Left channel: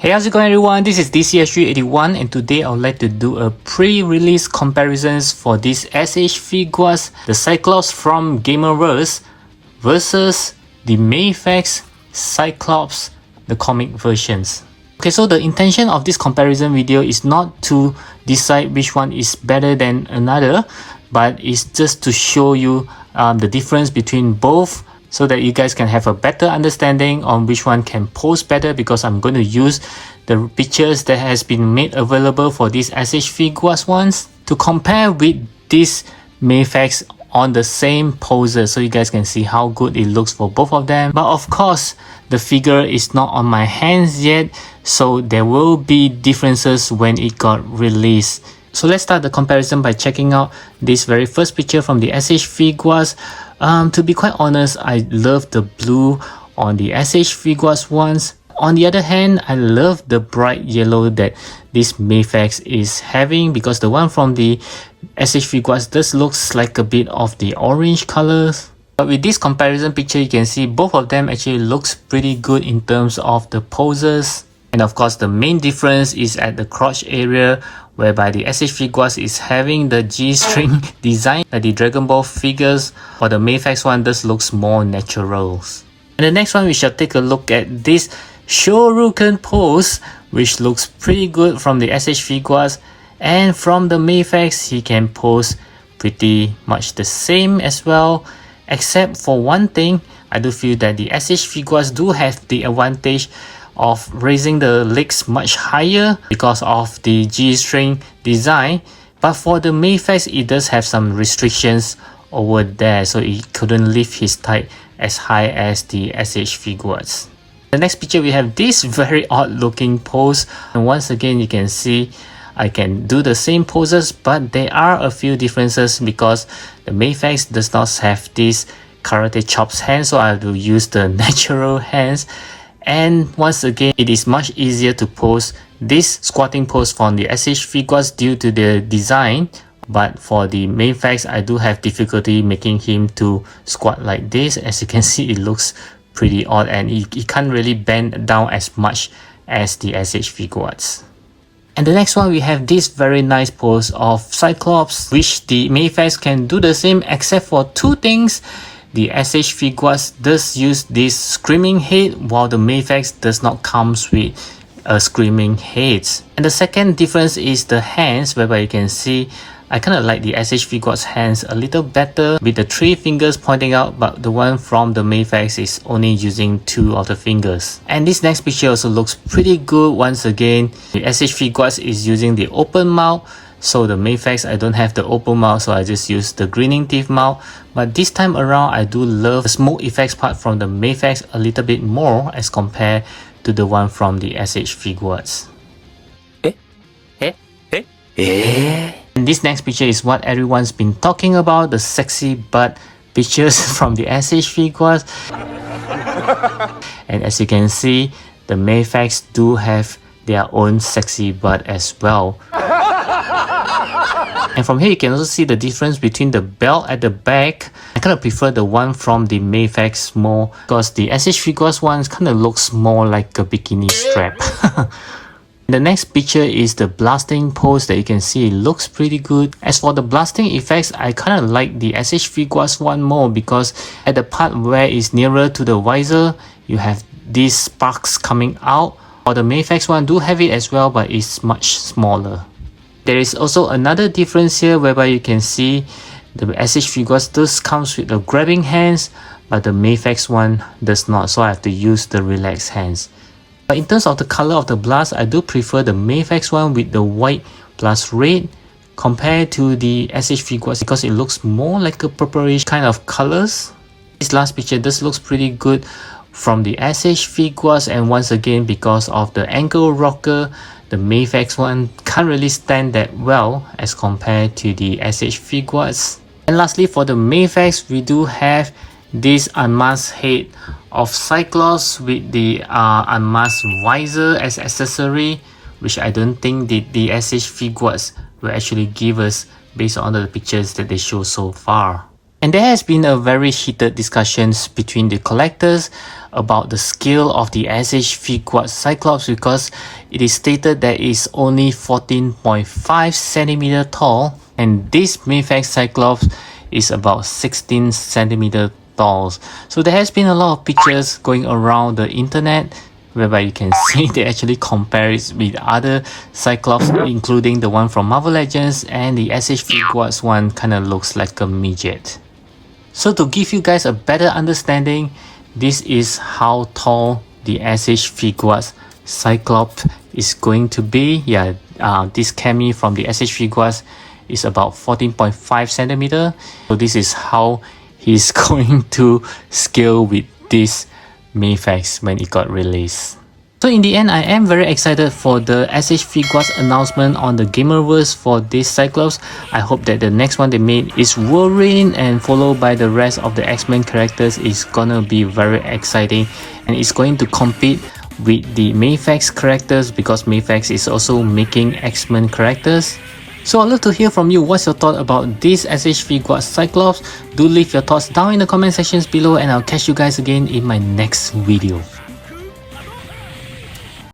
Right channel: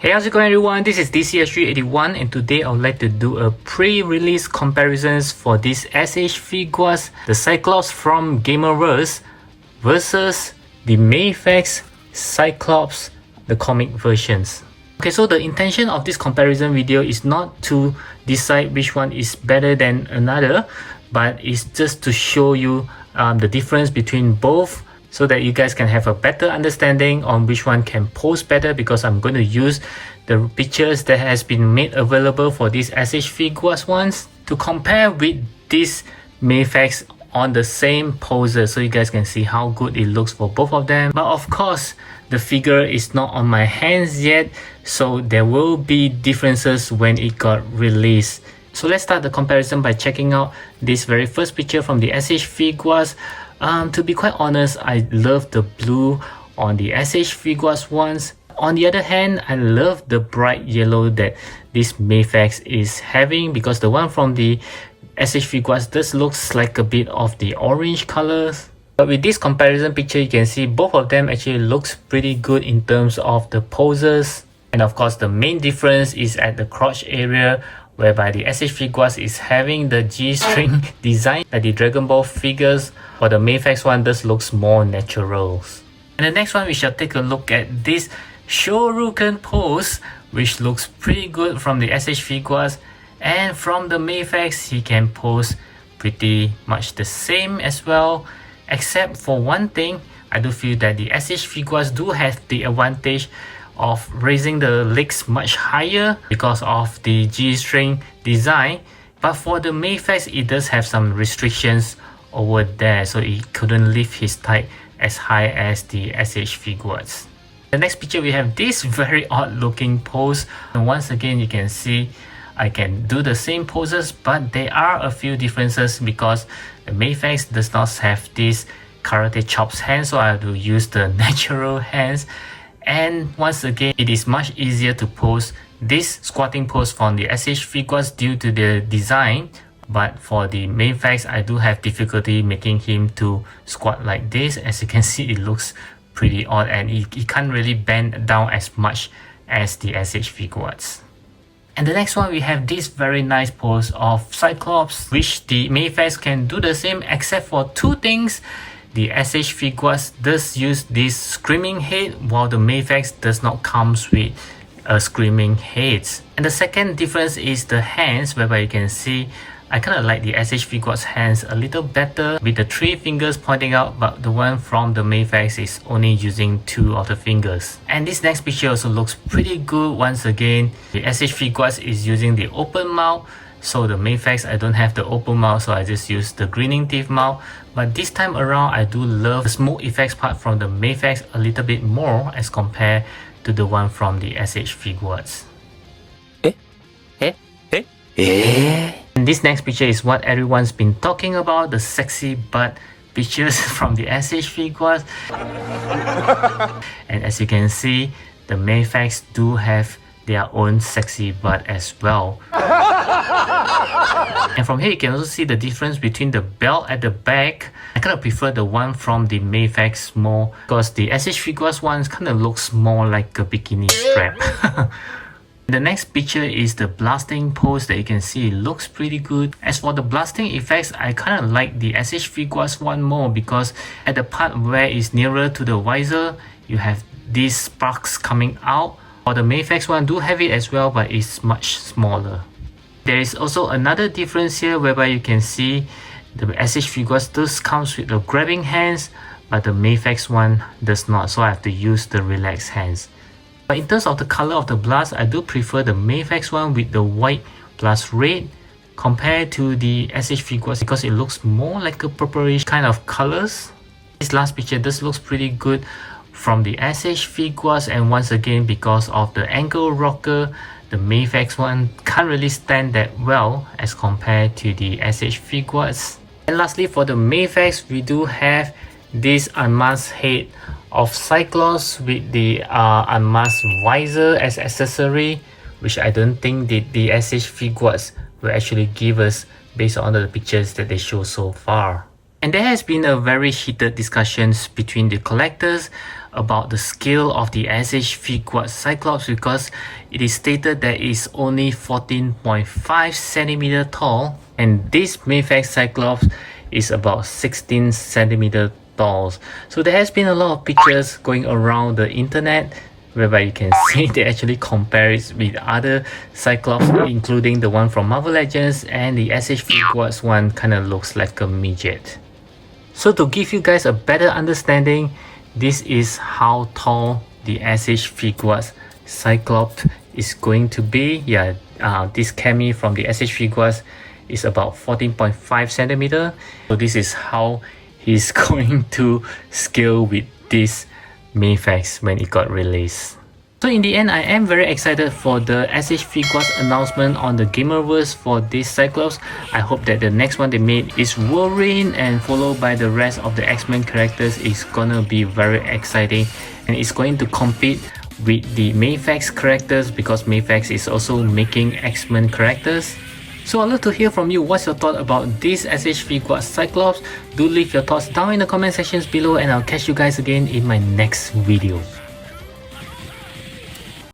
Hey, how's it going everyone? This is DCS381 and today I would like to do a pre-release comparisons for these SH figures, the Cyclops from Gamerverse versus the Mayfax Cyclops, the comic versions. Okay, so the intention of this comparison video is not to decide which one is better than another, but it's just to show you the difference between both, so that you guys can have a better understanding on which one can pose better, because I'm going to use the pictures that has been made available for these SH figures ones to compare with this Mayfax on the same poses, so you guys can see how good it looks for both of them. But of course, the figure is not on my hands yet, so there will be differences when it got released. So let's start the comparison by checking out this very first picture from the SH figures. To be quite honest, I love the blue on the SH figures ones. On the other hand, I love the bright yellow that this Mayfax is having, because the one from the SH figures just looks like a bit of the orange colors. But with this comparison picture, you can see both of them actually looks pretty good in terms of the poses. And of course, the main difference is at the crotch area, whereby the SH figures is having the G-string design like the Dragon Ball figures, while the Mayfax one just looks more natural. And the next one, we shall take a look at this Shoryuken pose, which looks pretty good from the SH figures, and from the Mayfax he can pose pretty much the same as well, except for one thing. I do feel that the SH figures do have the advantage of raising the legs much higher because of the G-string design, but for the Mayfax it does have some restrictions over there, so it couldn't lift his thigh as high as the SH figures. The next picture, we have this very odd looking pose, and once again you can see I can do the same poses, but there are a few differences because the Mayfax does not have this karate chops hands, so I have to use the natural hands. And once again, it is much easier to pose this squatting pose from the SH figures due to the design, but for the Mayfax I do have difficulty making him to squat like this. As you can see, it looks pretty odd and he can't really bend down as much as the SH figures. And the next one, we have this very nice pose of Cyclops, which the Mayfax can do the same except for two things. The SH figures does use this screaming head, while the Mayfax does not comes with a screaming head. And the second difference is the hands, whereby you can see I kind of like the SH figures hands a little better with the 3 fingers pointing out, but the one from the Mayfax is only using 2 of the fingers. And this next picture also looks pretty good. Once again, the SH figures is using the open mouth, so the Mayfax I don't have the open mouth, so I just use the grinning teeth mouth. But this time around, I do love the smoke effects part from the Mayfax a little bit more as compared to the one from the SH figures. And this next picture is what everyone's been talking about, the sexy butt pictures from the SH figures. And as you can see, the Mayfax do have their own sexy butt as well. And from here you can also see the difference between the belt at the back. I kind of prefer the one from the Mayfax more, because the SH figures ones kind of looks more like a bikini strap. The next picture is the blasting pose that you can see it looks pretty good. As for the blasting effects, I kind of like the SH figures one more, because at the part where it's nearer to the visor, you have these sparks coming out. Or the Mayfax one do have it as well, but it's much smaller. There is also another difference here, whereby you can see the SH figures does comes with the grabbing hands, but the Mayfax one does not, so I have to use the relaxed hands. But in terms of the color of the blast, I do prefer the Mayfax one with the white plus red compared to the SH figures, because it looks more like a purplish kind of colors. This last picture does looks pretty good from the SH figures, and once again, because of the ankle rocker, the Mayfax one can't really stand that well as compared to the SH figures. And lastly, for the Mayfax, we do have this unmasked head of Cyclops with the unmasked visor as accessory, which I don't think the SH figures will actually give us based on the pictures that they show so far. And there has been a very heated discussions between the collectors about the scale of the SH Figuarts Cyclops, because it is stated that it's only 14.5 centimeter tall, and this Mayfax Cyclops is about 16 centimeter tall. So there has been a lot of pictures going around the internet whereby you can see they actually compare it with other Cyclops, including the one from Marvel Legends, and the SH Figuarts one kind of looks like a midget. So to give you guys a better understanding, this is how tall the SH Figuarts Cyclops is going to be. Yeah, this Cammy from the SH Figuarts is about 14.5 centimeter. So this is how he's going to scale with this Mayfax when it got released. So in the end, I am very excited for the SH Figuarts announcement on the Gamerverse for this Cyclops. I hope that the next one they made is Wolverine, and followed by the rest of the X-Men characters is gonna be very exciting, and it's going to compete with the Mayfax characters because Mayfax is also making X-Men characters. So I'd love to hear from you. What's your thought about this SH Figuarts Cyclops? Do leave your thoughts down in the comment sections below, and I'll catch you guys again in my next video.